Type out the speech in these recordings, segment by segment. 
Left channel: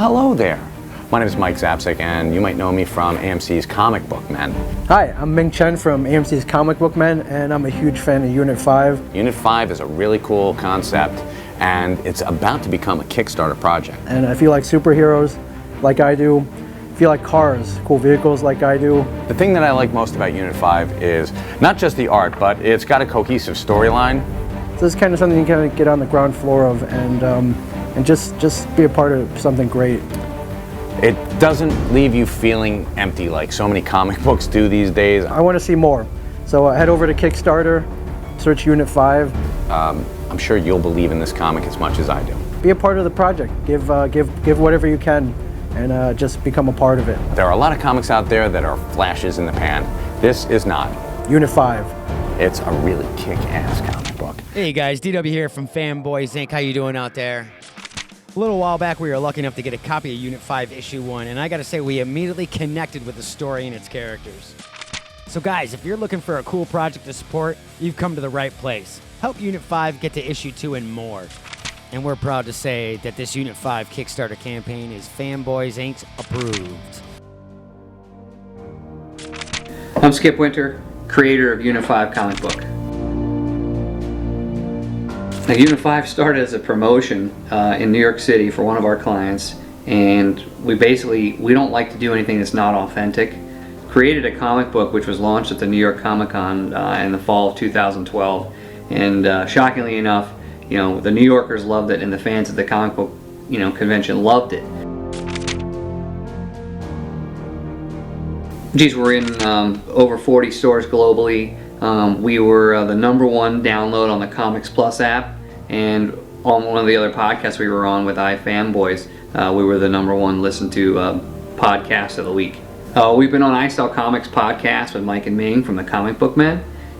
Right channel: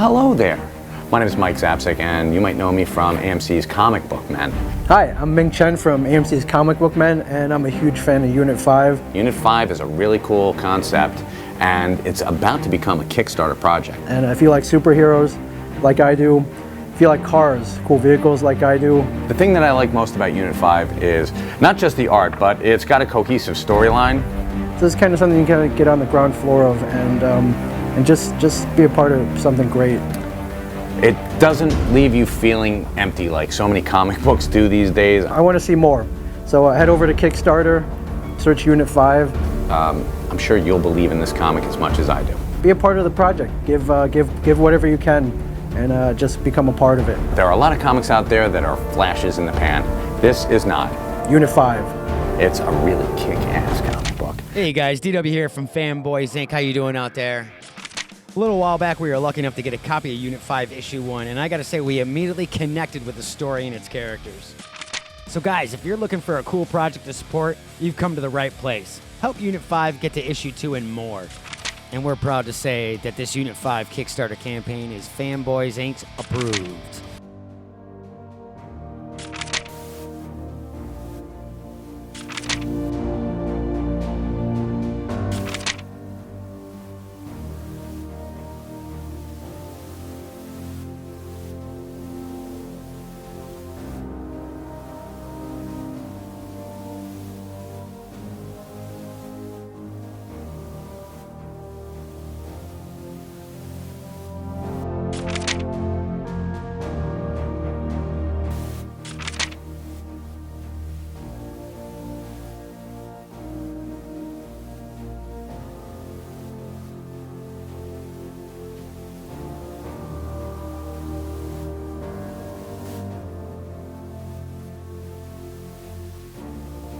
hello there. My name is Mike Zapsik, and you might know me from AMC's Comic Book Men. Hi, I'm Ming Chen from AMC's Comic Book Men, and I'm a huge fan of Unit 5. Unit 5 is a really cool concept, and it's about to become a Kickstarter project. And if you like superheroes like I do, if you like cars, cool vehicles like I do. The thing that I like most about Unit 5 is not just the art, but it's got a cohesive storyline. So this is kind of something you can kind of get on the ground floor of and just be a part of something great. It doesn't leave you feeling empty like so many comic books do these days. I want to see more. So head over to Kickstarter, search Unit 5. I'm sure you'll believe in this comic as much as I do. Be a part of the project. Give whatever you can, and just become a part of it. There are a lot of comics out there that are flashes in the pan. This is not. Unit 5. It's a really kick-ass comic book. Hey guys, DW here from Fanboys Inc. How you doing out there? A little while back, we were lucky enough to get a copy of Unit 5 Issue 1, and I gotta say, we immediately connected with the story and its characters. So guys, if you're looking for a cool project to support, you've come to the right place. Help Unit 5 get to Issue 2 and more. And we're proud to say that this Unit 5 Kickstarter campaign is Fanboys Inc. approved. I'm Skip Winter, creator of Unit 5 comic book. Now, Unit 5 started as a promotion in New York City for one of our clients, and we don't like to do anything that's not authentic. Created a comic book which was launched at the New York Comic Con in the fall of 2012, and shockingly enough, the New Yorkers loved it, and the fans at the comic book convention loved it. Geez, we're in over 40 stores globally. We were the #1 download on the Comics Plus app, and on one of the other podcasts we were on with iFanboys, we were the #1 listened to podcast of the week. We've been on I Sell Comics podcast with Mike and Ming from the Comic Book Men,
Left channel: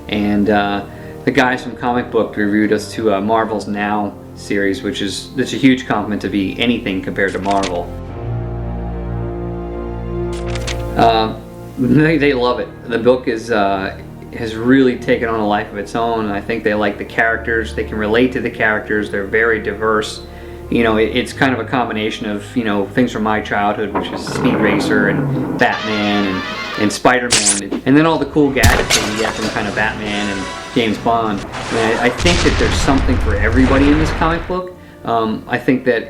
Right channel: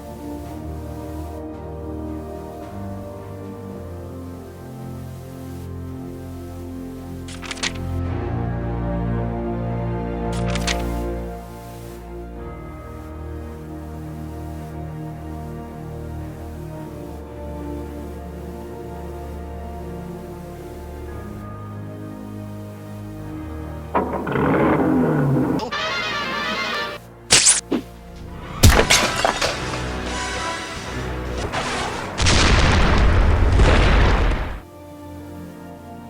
and the guys from Comic Book reviewed us to Marvel's Now series, which is a huge compliment to be anything compared to Marvel. They love it. The book has really taken on a life of its own, and I think they like the characters. They can relate to the characters. They're very diverse. It's kind of a combination of things from my childhood, which is Speed Racer and Batman and Spider-Man, and then all the cool gadgets that you get from kind of Batman and James Bond. And I think that there's something for everybody in this comic book. I think that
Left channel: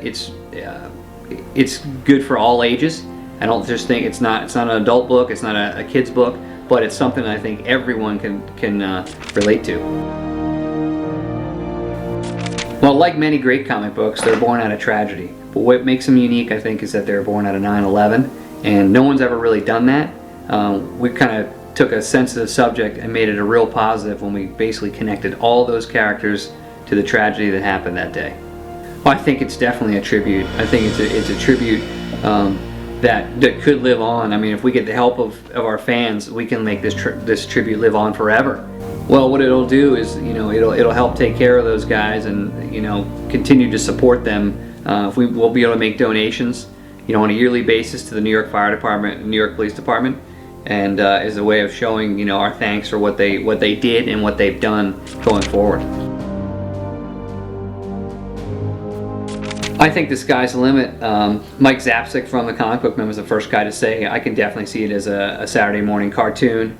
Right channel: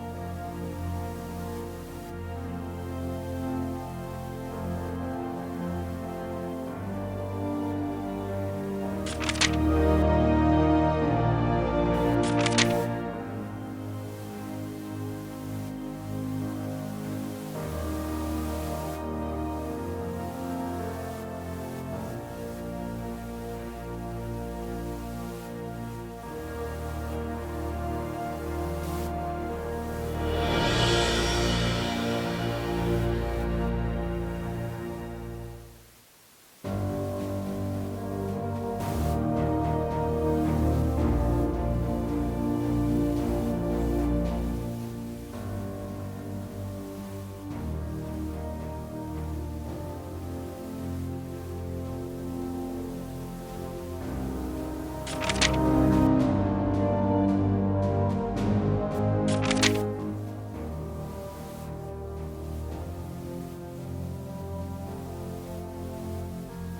it's good for all ages. I don't just think it's not an adult book, it's not a kid's book, but it's something I think everyone can relate to. Well, like many great comic books, they're born out of tragedy. But what makes them unique, I think, is that they're born out of 9/11, and no one's ever really done that. We kind of took a sensitive subject and made it a real positive when we basically connected all those characters to the tragedy that happened that day. Well, I think it's definitely a tribute. I think it's a tribute that could live on. I mean, if we get the help of our fans, we can make this tribute live on forever. Well, what it'll do is, it'll help take care of those guys and, continue to support them. We'll be able to make donations, on a yearly basis to the New York Fire Department and New York Police Department, and as a way of showing, our thanks for what they did and what they've done going forward. I think the sky's the limit. Mike Zapsik from the Comic Book Men was the first guy to say, I can definitely see it as a Saturday morning cartoon.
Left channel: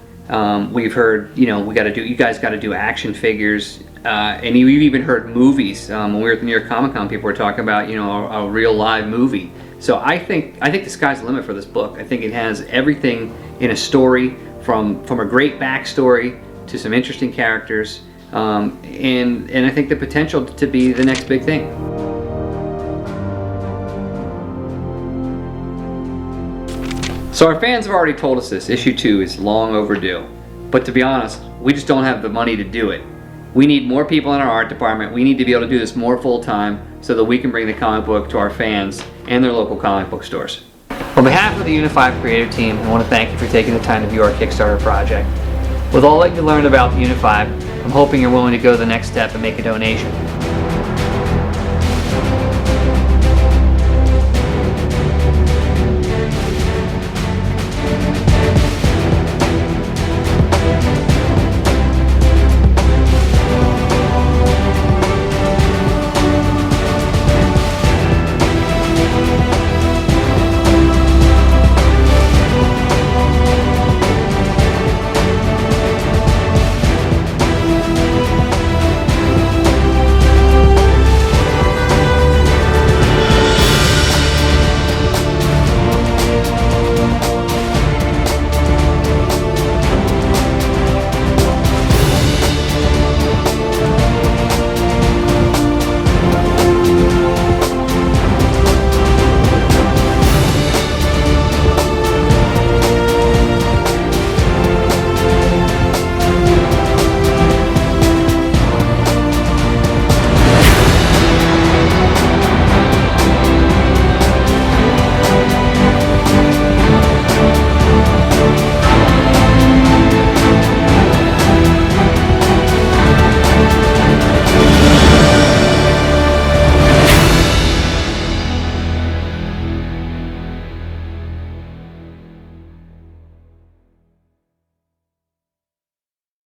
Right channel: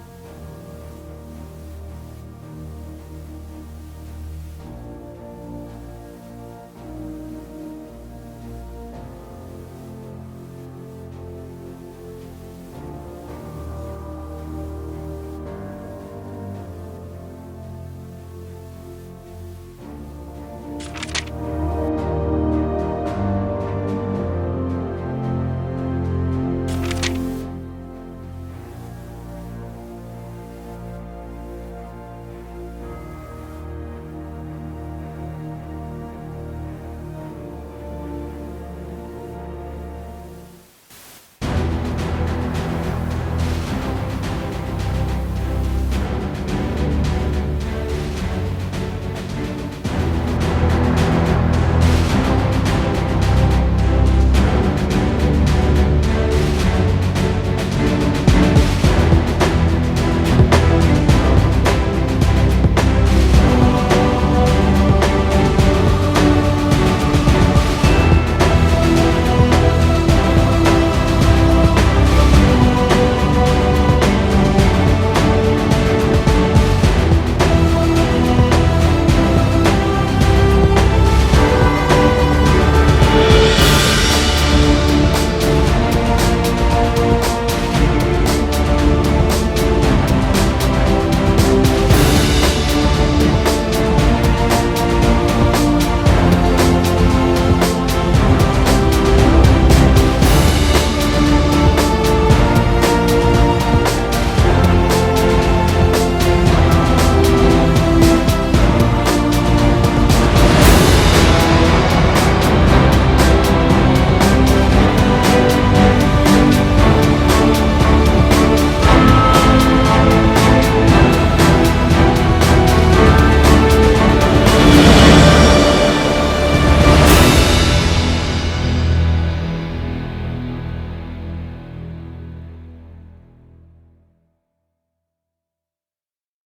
We've heard, you guys got to do action figures, and we've even heard movies. When we were at the New York Comic Con, people were talking about, a real live movie. So I think the sky's the limit for this book. I think it has everything in a story, from a great backstory to some interesting characters, and I think the potential to be the next big thing. So our fans have already told us this, issue 2 is long overdue. But to be honest, we just don't have the money to do it. We need more people in our art department. We need to be able to do this more full time so that we can bring the comic book to our fans and their local comic book stores. On behalf of the Unit 5 creative team, I want to thank you for taking the time to view our Kickstarter project. With all that you learned about Unit 5, I'm hoping you're willing to go the next step and make a donation.